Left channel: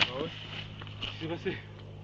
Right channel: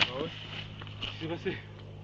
Ah ouais? Qu'est-ce qui s'est passé?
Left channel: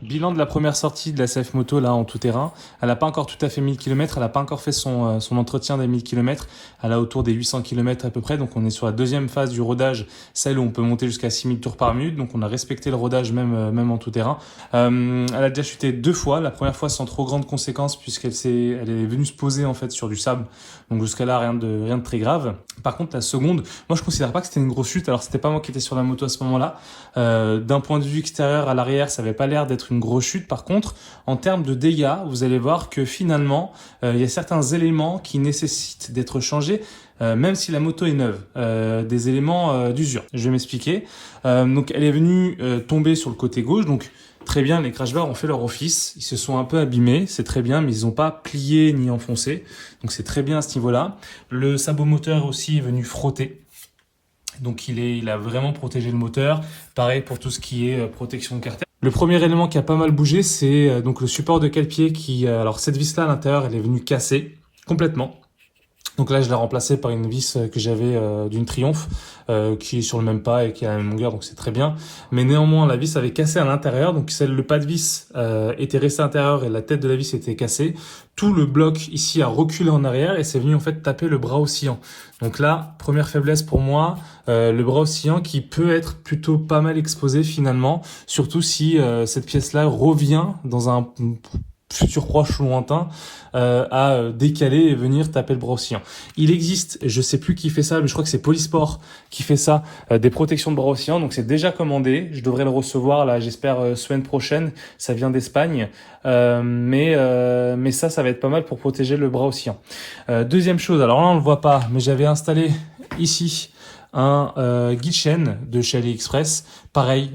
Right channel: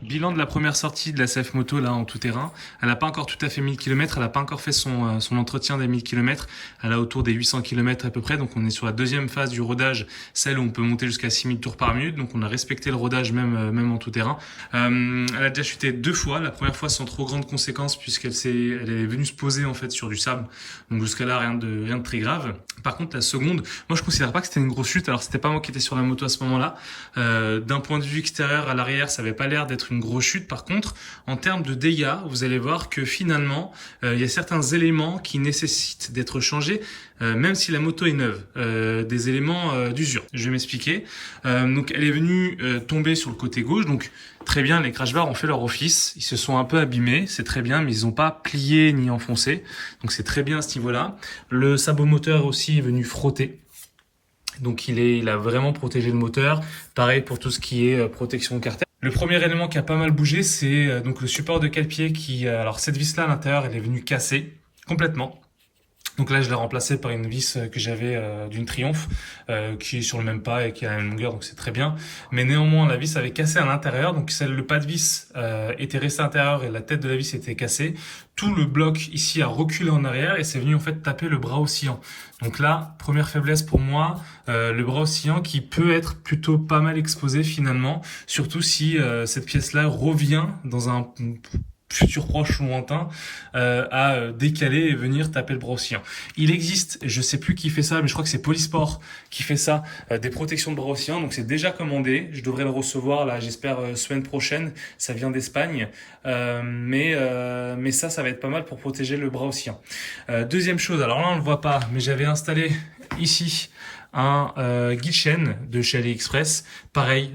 Bilan de la première sortie de la CF Moto là en tout terrain. Elle n'a pas encore tout à fait 1000 km, elle n'a pas encore fait son entretien des 1000 km. Elle a autour des 800 km à peu près, donc on est sur la deuxième phase du rodage, celle où on peut monter jusqu'à 6000 tours par minute, donc on a respecté le rodage même en tout terrain. Elle a déjà chuté 2 fois, la première fois sans trop grandes conséquences elle est venue se poser en fait sur du sable, donc jusqu'à là rien de très grave. Par contre la seconde, moi je considère pas que c'était une grosse chute, alors c'était pas moi qui étais sur la moto à ce moment-là. D'un point de vue extérieur à l'arrière, ça avait pas l'air d'être une grosse chute. Par contre, en termes de dégâts, vous allez voir que finalement, il y a certains éléments qui nécessitent d'être changés, même si la moto est neuve. Des éléments d'usure. Je vais m'expliquer. Donc, elle est venue tomber sur le côté gauche. Donc, très bien, les crash bars ont fait leur office. Ils se sont un peu abîmés, c'est très bien, mais ils n'ont pas plié ni enfoncé. Donc, c'est très bien à ce niveau-là. Le sabot moteur aussi est venu frotter. Donc il a vraiment protégé le moteur. Pareil pour tout ce qui est protection de carter. Le premier élément qui a pas mal bougé, c'est donc le support de cale-pied qui, alors cette vis-là à l'intérieur, elle est venue casser complètement. Donc là, je l'ai remplacé par une vis que j'avais d'une Triumph qui est sur le même pas et qui a la même longueur, donc c'est très bien. Mais néanmoins, la vis avait cassé à l'intérieur, donc le pas de vis était resté à l'intérieur et la tête de la vis était cassée. Tout le bloc ici a reculé en arrière et c'est venu en fait taper le bras oscillant. Donc là, première faiblesse pour moi, le bras oscillant qui peut être plutôt pas mal exposé finalement, surtout si cette pièce-là revient dans un futur proche ou lointain à décaler et venir taper le bras oscillant. Il existe, je sais plus qui fait ça, mais je crois que c'est Polysport qui fait ça, des protections de bras oscillants, donc c'est déjà commandé, je devrais le recevoir là, j'espère semaine prochaine, ça vient d'Espagne, mais ça va être pas mal pour protéger le bras oscillant. Deuxième chose, alors là on le voit pas, mais j'avais installé ici un guide chaîne de chez AliExpress, pareil,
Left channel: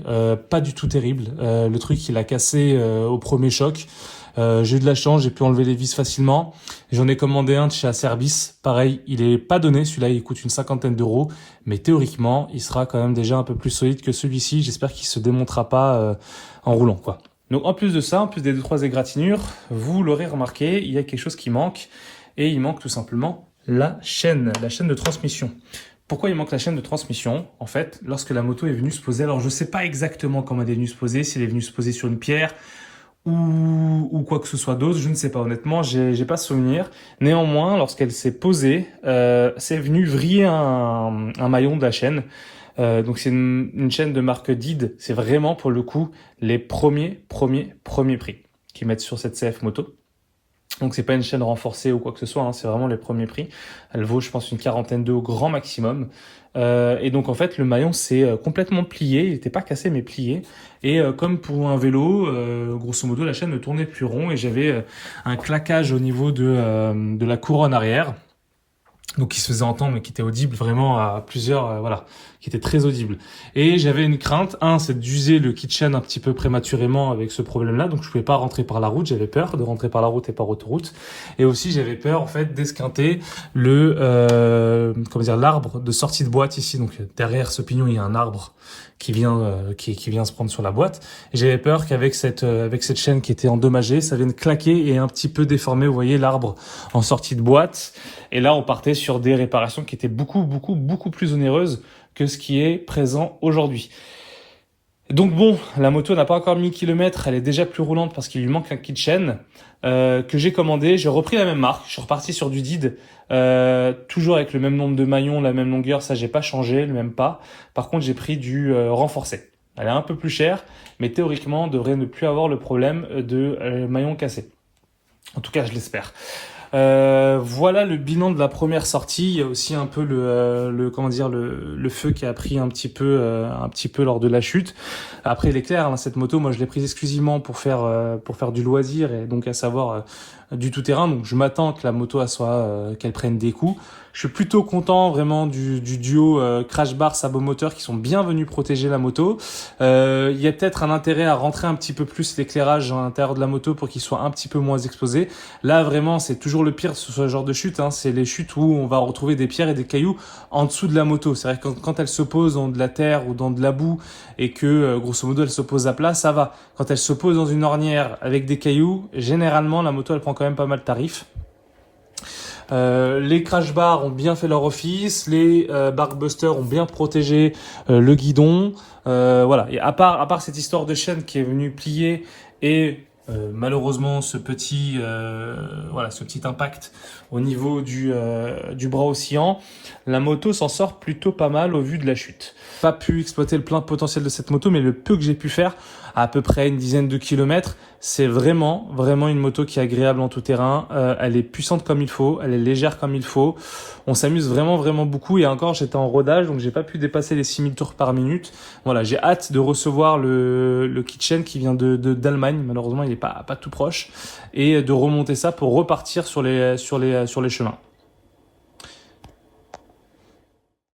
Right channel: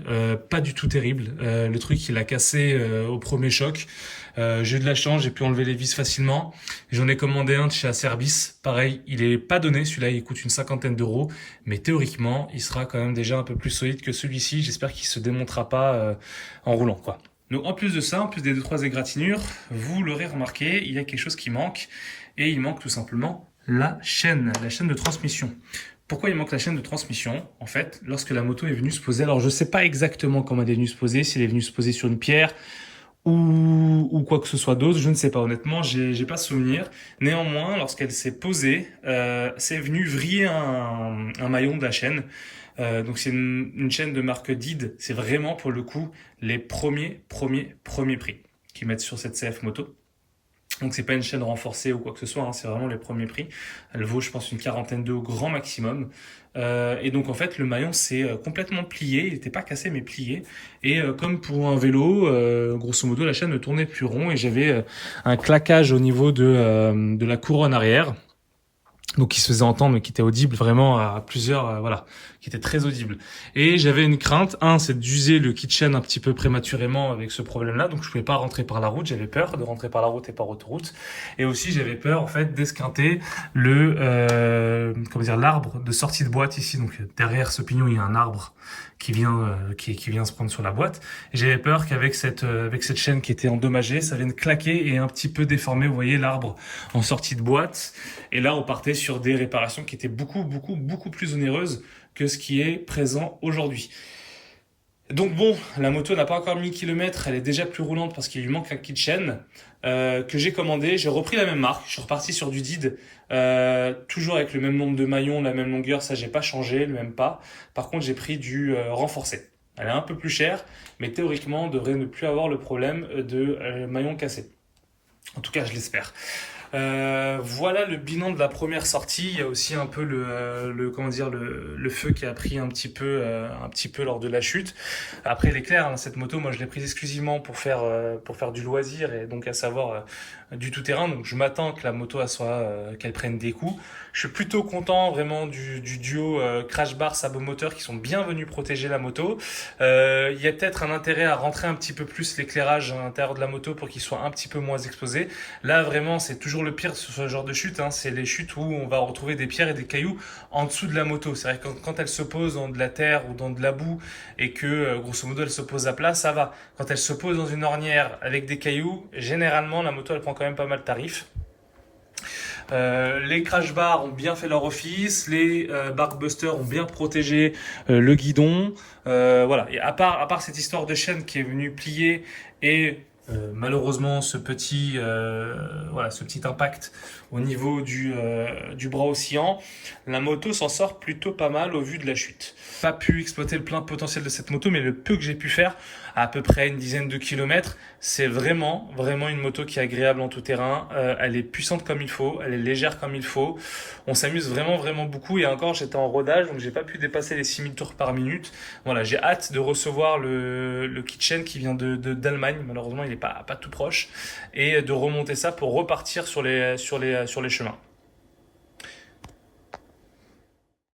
pas du tout terrible, le truc il a cassé au premier choc. J'ai eu de la chance, j'ai pu enlever les vis facilement. J'en ai commandé un de chez Acerbis. Pareil, il est pas donné. Celui-là, il coûte une cinquantaine d'euros. Mais théoriquement, il sera quand même déjà un peu plus solide que celui-ci. J'espère qu'il se démontera pas en roulant, quoi. Donc, en plus de ça, en plus des 2-3 égratignures, vous l'aurez remarqué, il y a quelque chose qui manque. Et il manque tout simplement la chaîne de transmission. Pourquoi il manque la chaîne de transmission? En fait, lorsque la moto est venue se poser, alors je sais pas exactement comment elle est venue se poser, si elle est venue se poser sur une pierre, ou quoi que ce soit d'autre, je ne sais pas honnêtement, j'ai pas souvenir. Néanmoins, lorsqu'elle s'est posée, c'est venu vriller un maillon de la chaîne. Donc c'est une chaîne de marque Did. C'est vraiment pour le coup les premiers prix qu'ils mettent sur cette CF moto. Donc c'est pas une chaîne renforcée ou quoi que ce soit, hein, c'est vraiment les premiers prix. Elle vaut, je pense, une quarantaine d'euros grand maximum. Et donc en fait, le maillon s'est complètement plié. Il n'était pas cassé, mais plié. Et comme pour un vélo, grosso modo, la chaîne ne tournait plus rond et j'avais un claquage au niveau de la couronne arrière. Donc qui se faisait entendre, mais qui était audible vraiment à plusieurs, voilà, qui était très audible. Et j'avais une crainte, c'est d'user le kitchen un petit peu prématurément avec ce problème-là, donc je pouvais pas rentrer par la route, j'avais peur de rentrer par la route et par autoroute. Et aussi j'avais peur en fait d'esquinter l'arbre de sortie de boîte ici. Donc derrière ce pignon il y a un arbre qui vient se prendre sur la boîte. Et j'avais peur qu'avec cette chaîne qui était endommagée, ça vienne claquer et un petit peu déformer, vous voyez, l'arbre en sortie de boîte. Et là, on partait sur des réparations qui étaient beaucoup plus onéreuses que ce qui est présent aujourd'hui. Donc bon, la moto n'a pas encore 1000 km, elle est déjà plus roulante parce qu'il lui manque un kit chaîne que j'ai commandé. J'ai repris la même marque, je suis reparti sur du Did, toujours avec le même nombre de maillons, la même longueur, ça j'ai pas changé, le même pas. Par contre, j'ai pris du renforcé. Elle est un peu plus chère, mais théoriquement, on devrait ne plus avoir le problème de maillons cassés. En tout cas, je l'espère. Voilà le bilan de la première sortie. Il y a aussi un peu le feu qui a pris un petit peu lors de la chute. Après, il est clair, hein, cette moto, moi, je l'ai prise exclusivement pour faire du loisir et donc à savoir du tout terrain. Donc, je m'attends que la moto qu'elle prenne des coups. Je suis plutôt content vraiment du duo crash bar sabot moteur qui sont bien venus protéger la moto. Il y a peut-être un intérêt à rentrer un petit peu plus l'éclairage à l'intérieur de la moto pour qu'il soit un petit peu moins exposé. Là, vraiment, c'est toujours le pire sur ce genre de chute, hein. C'est les chutes où on va retrouver des pierres et des cailloux en dessous de la moto. C'est vrai que quand elle se pose dans de la terre ou dans de la boue et que, grosso modo, elle se pose à plat, ça va. Quand elle se pose dans une ornière avec des cailloux, généralement, la moto, elle prend quand même pas mal de tarif. Les crash bars ont bien fait leur office, les barkbusters ont bien protégé le guidon. Voilà. Et à part cette histoire de chaîne qui est venue plier et malheureusement ce petit impact au niveau du bras oscillant, la moto s'en sort plutôt pas mal au vu de la chute. Pas pu exploiter le plein potentiel de cette moto, mais le peu que j'ai pu faire, à peu près une dizaine de kilomètres, c'est vraiment une moto qui est agréable en tout terrain. Elle est puissante comme il faut, elle est légère comme il faut. On s'amuse vraiment beaucoup. Et encore, j'étais en rodage, donc j'ai pas pu dépasser les 6000 tours par minute. Voilà, j'ai hâte de recevoir le kitchen qui vient d'Allemagne. Malheureusement, il est pas tout proche, et de remonter ça pour repartir sur les chemins.